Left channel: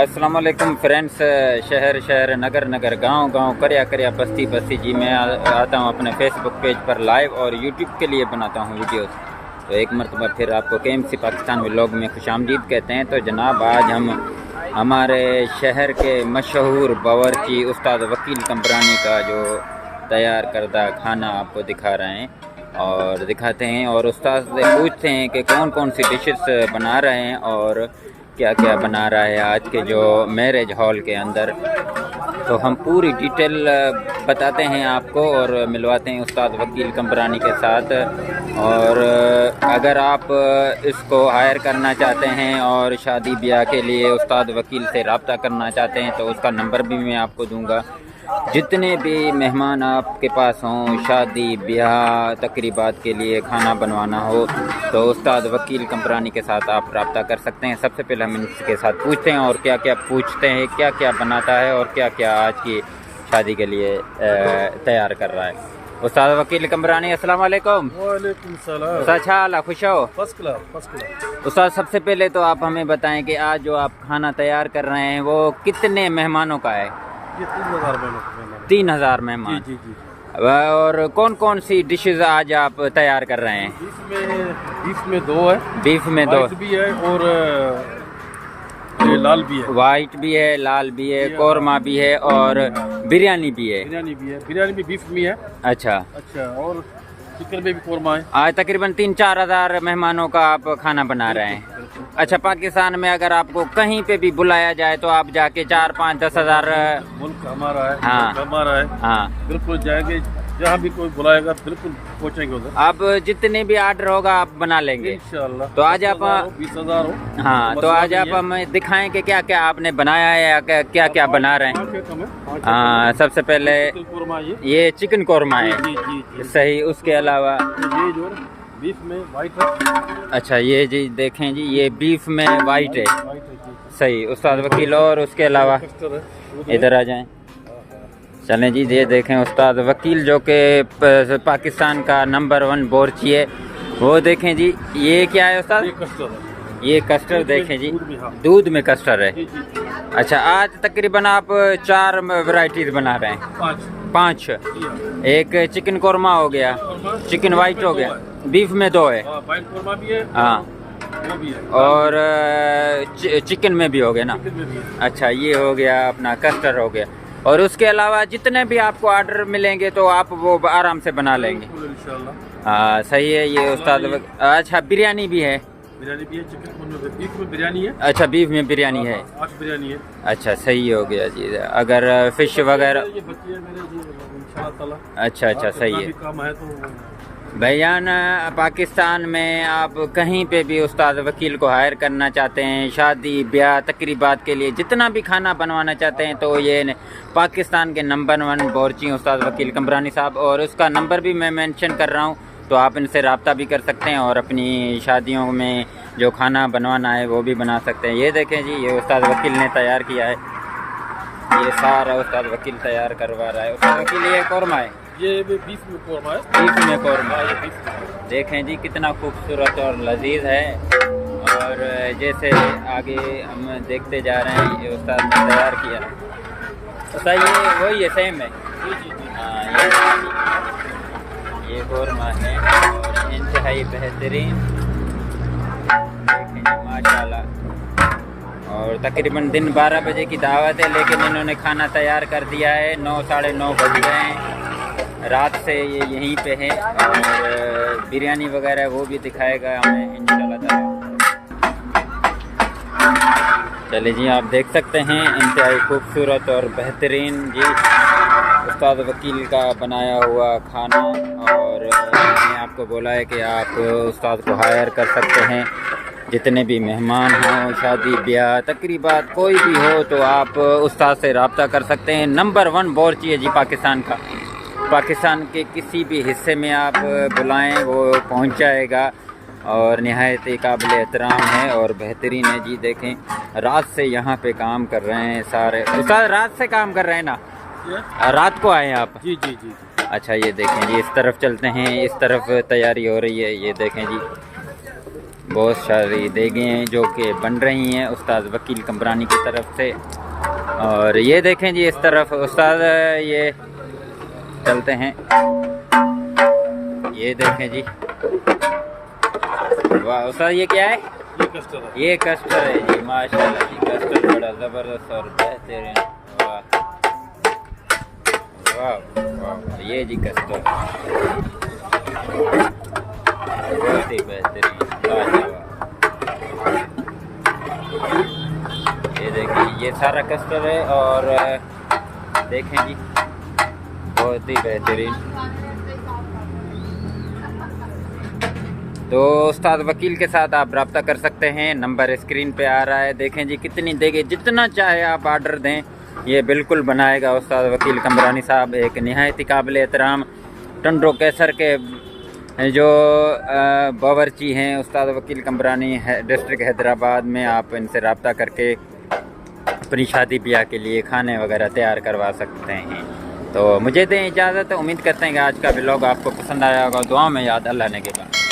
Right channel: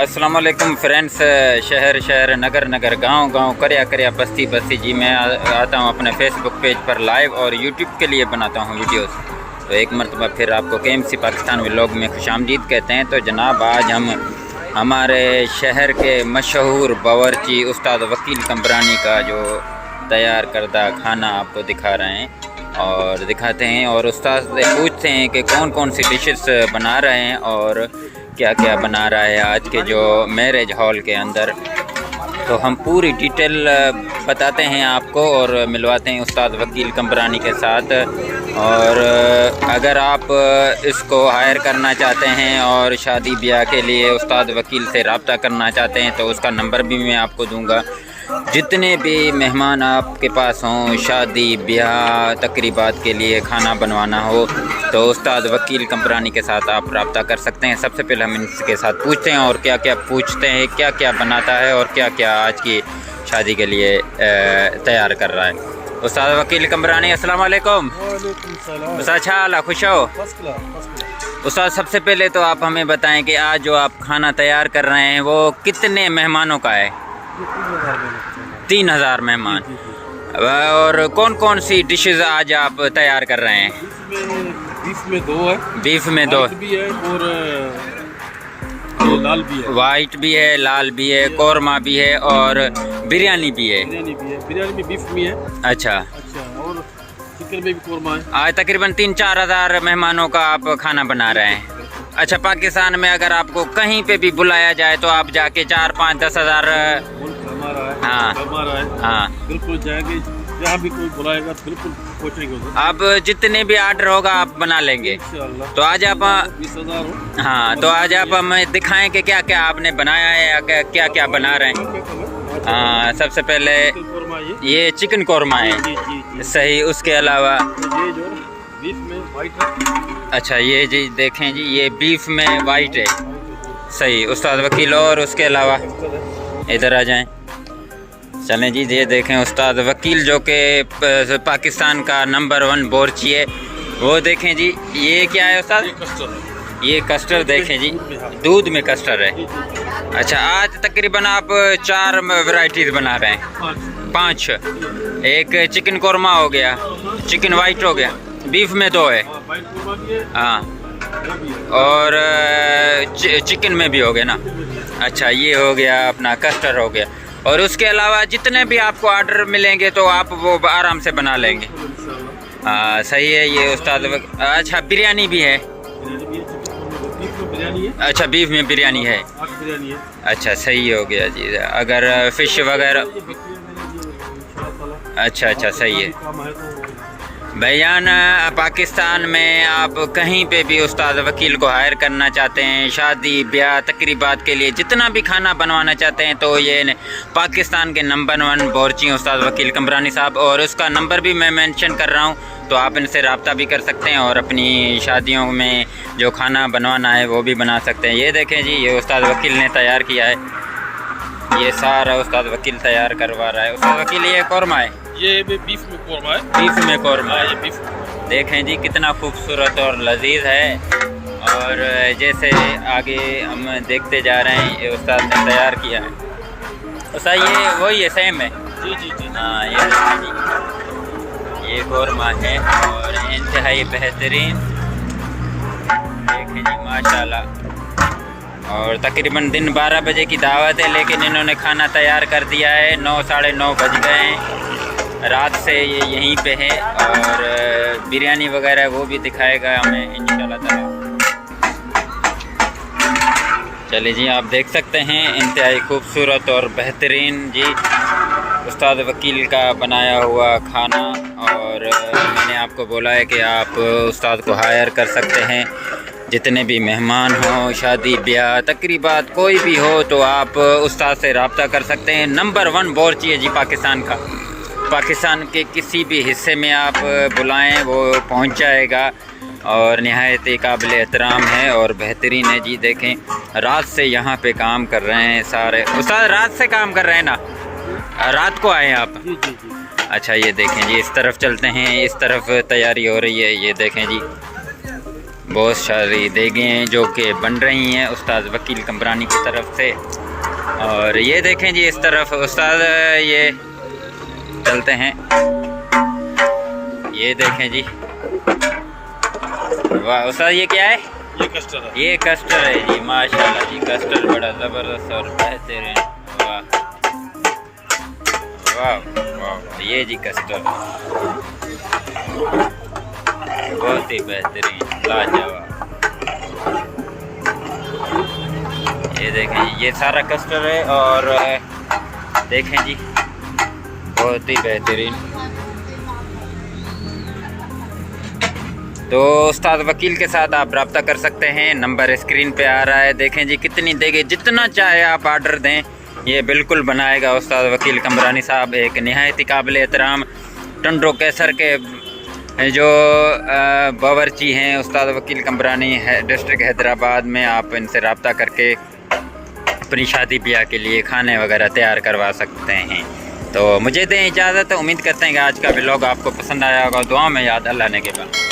अस्सलाम वालेकुम फ्रेंड्स। शहर शहर नगर नगर गांव गांव कर्या कर्या बस्ती बस्ती जी मैं आता हूं अपने फेसबुक पेज पर लाइव और यूट्यूब के लिए बनाता हूं वीडियोस। तो एक मरतबा फिर आपको KMC पाकिस्तान व्लॉग में खुशामदीद कहते हैं। तो जनाब आज हम हमारे शहर के मशहूर बावर्ची उस्ताद वकील कम्बरानी का जो तैयार करदा खाना आपको दिखा रहे हैं और दिखाते हैं और उस्ताद से पूछते हैं कि कौन कौन सी डिशेस बना रहे हैं और क्या क्या बना रहा है आज के जो मैरिज हॉल के अंदर। तो हम पूरी डिटेल बताते हैं आपको और मिलवाते हैं उस्ताद वकील कम्बरानी के साथ। और अगर आप इसको हायर करना चाहते हैं और शादी ब्याह के लिए उस्ताद वकील से रब्ता करना चाहते हैं तो उसका नंबर भी मैं आपको दूंगा। जितने भी मेहमान आपके पास हों, शादी ब्याह तकरीबात के लिए खाना बनवाना हो तो उस्ताद वकील कम्बरानी के साथ आप रब्ता कर सकते हैं। सबसे पहले हम इनके साथ पूछते हैं और क्या क्या पूछते हैं, क्या क्या बनाता है और क्या क्या आज की शादी के लिए तैयार कर रहा है। उस्ताद वकील कम्बरानी अस्सलाम वालेकुम। वालेकुम सलाम। उस्ताद अच्छा खुश हो? First class. उस्ताद सबसे पहले तो आप हमें बताएं कि आज जो आप खाना तैयार कर रहे हैं वो कितने मेहमानों का है? ये 3000 मेहमान। 3000 मेहमान। जी, जी। और कौन कौन सी डिशेस आज आप तैयार कर रहे हैं? बीफ में 2 है। बीफ में 2 भी है और ये लाल भी है। वाइट भी है, लाल भी है, कौरमा भी है और बिरयानी भी है। बिरयानी भी बीफ में है। अच्छा और चिकन में भी कौरमा है। आज तकरीबन 3-4 हज़ार मेहमानों का आप खाना बना रहे हैं। अच्छा, पाकिस्तान में अगर आपको कहीं पे भी बुलाया जाए तो आप जाके 4-5-10 हज़ार मुल्क हमारा है। हाँ। हमारा है। हाँ बिल्कुल जाएंगे, जहाँ भी कोई बुलाएगा बिल्कुल पहुँचेंगे उधर। आप जितने भी ऑर्डर होगा आप बना लेंगे। इंशाअल्लाह। तो आज आप 20,000 हो। हाँ, तो आज आप हमें दिखाएं कि क्या क्या आपने बनाया है या क्या क्या बना रहे हैं। हाँ, सबसे पहले ये चिकन कौरमा है। जी, जी, जी। सही, उसके अलावा ये जो बीफ में वाइट है। अच्छा ये जी देखें जी, ये बीफ में वाइट है। सही उस्ताद वकील। और उसके अलावा इधर आ जाएं। चलें जी, ये देखें उस्ताद वकील जो कि पाकिस्तान का नंबर 1 बावर्ची है। वो देखें जी, ये क्या है उस्ताद? ये कस्टर्ड देखें जी, दूध में कस्टर्ड है। अच्छा, आज तकरीबन आप 4 वैरायटीज बना रहे हैं। 5। एक चिकन कौरमा हो गया, चिकन वाइट हो गया, बीफ में 2 है। हाँ, और चिकन में भी हो गया ना। अच्छा, ये हो गया अपना कस्टर्ड हो गया। और उसके अलावा जितने भी आपको ऑर्डर मिलेंगे तो आप वो आराम से बना लेंगे। हाँ सही है। ये उस्ताद अच्छा बिरयानी भी है। अच्छा, बीफ में बिरयानी है। अच्छा सही हो गया जी। अगर फिश वगैरह अच्छा सही है। भैयान, पाकिस्तान में आप कहीं पे भी उस्ताद वकील को हायर करना चाहते हैं, शादी ब्याह तकरीबात के लिए जितना भी खाना बनवाना चाहते हैं तो ये पाकिस्तान के नंबर 1 बावर्ची उस्ताद वकील कम्बरानी साहब। और उसका नंबर भी मैं मेंशन कर रहा हूँ, तो आप इनसे रब्ता भी कर सकते हैं और अपनी शादियों में जो खाना बनवाना है वो भी बना सकते हैं। ये देखें जी, ये उस्ताद वकील ने तैयार किया है। ये सारा उस्ताद वकील तैयार करवा रहा है। उस्ताद वकील ये कौरमा है। ये बीफ में कौरमा है। बीफ में कौरमा है। ये बीफ में। देखें जी कितना खूबसूरत और लजीज है। और जैसे आगे हम देखते जा रहे हैं, ये उस्ताद ने तैयार किया है। उस्ताद ये वही है, सेम है। जी जी जी। हाँ, ये देखें जी, ये कौरमा है और इंतहाई बेहतरीन। देखें जी माशाल्लाह। और तकरीबन दिन 12 बजे की दावत है, लेकिन इन्होंने खाना तैयार कर दिया है। 9-9:30 बज गए हैं। रात से ये यहीं पे है और बिरयानी वगैरह वो भी दिखाएगा हमें इंशाल्लाह ताला। चलिए जी, आप देख सकते हैं इंतहाई खूबसूरत और बेहतरीन जी उस्ताद वकील का बनाया हुआ खाना। और मैंने आपको बोला है कि आप उस्ताद को हायर कर सकते हैं। जितने भी मेहमान हों, शादी ब्याह तकरीबात कोई भी हो तो आप उस्ताद से रब्ता कर सकते हैं। नंबर 1 बावर्ची है जी पाकिस्तान का। पाकिस्तान के किसी भी हिस्से में आप बुलाएं वो पहुंच जाएगा और नहायत काबिल एहतराम है और बेहतरीन है जी। देखें रात से यहाँ पे काम कर रहे हैं सारे उस्ताद। रात से काम कर रहे हैं ना? रात को आए हैं आप? जी जी जी। अच्छा, ये देखें जी, इस तरफ चलते हैं। इस तरफ तैयारी हो रही है। ये देखें जी बहुत सारी देगें हैं जो कि बन रही हैं उस्ताद वकील कमरानी की तरफ से। और ये देखें जी इस तरफ उस्ताद, ये चलते हैं, ये देखें जी, वाह उस्ताद ये क्या है? ये कस्टर्ड है। ये कस्टर्ड है जी, माशाल्लाह जी, कस्टर्ड बड़ा ज़बरदस्त और बेहतरीन, वाह वाह वाह, ये जी कस्टर्ड बहुत ही बेहतरीन, लाजवाब। ये देखें ये सारा कस्टर्ड है और देखें जी बहुत ही बेहतरीन। तो उस्ताद वकील के साथ आप रब्ता कर सकते हैं, नंबर स्क्रीन पे आ रहा है। देखें जी कितनी देगे, जितना चाहे आप आर्डर दें, ये बिल्कुल बनाएगा उस्ताद वकील कमरानी साहब। एक नहायत काबिल एहतराम टंडो कैसर के जो बावर्ची हैं उस्ताद वकील कमरानी है, डिस्ट्रिक्ट हैदराबाद में। आप इनसे रब्ता करके अपनी शादी ब्याह के लिए खाने वगैरह तैयार करवा सकते हैं। तो मुझे दें इजाज़त, उम्मीद करते हैं कि आज का व्लॉग आपको पसंद आया होगा। दुआ में याद, अल्लाह ने के बाद।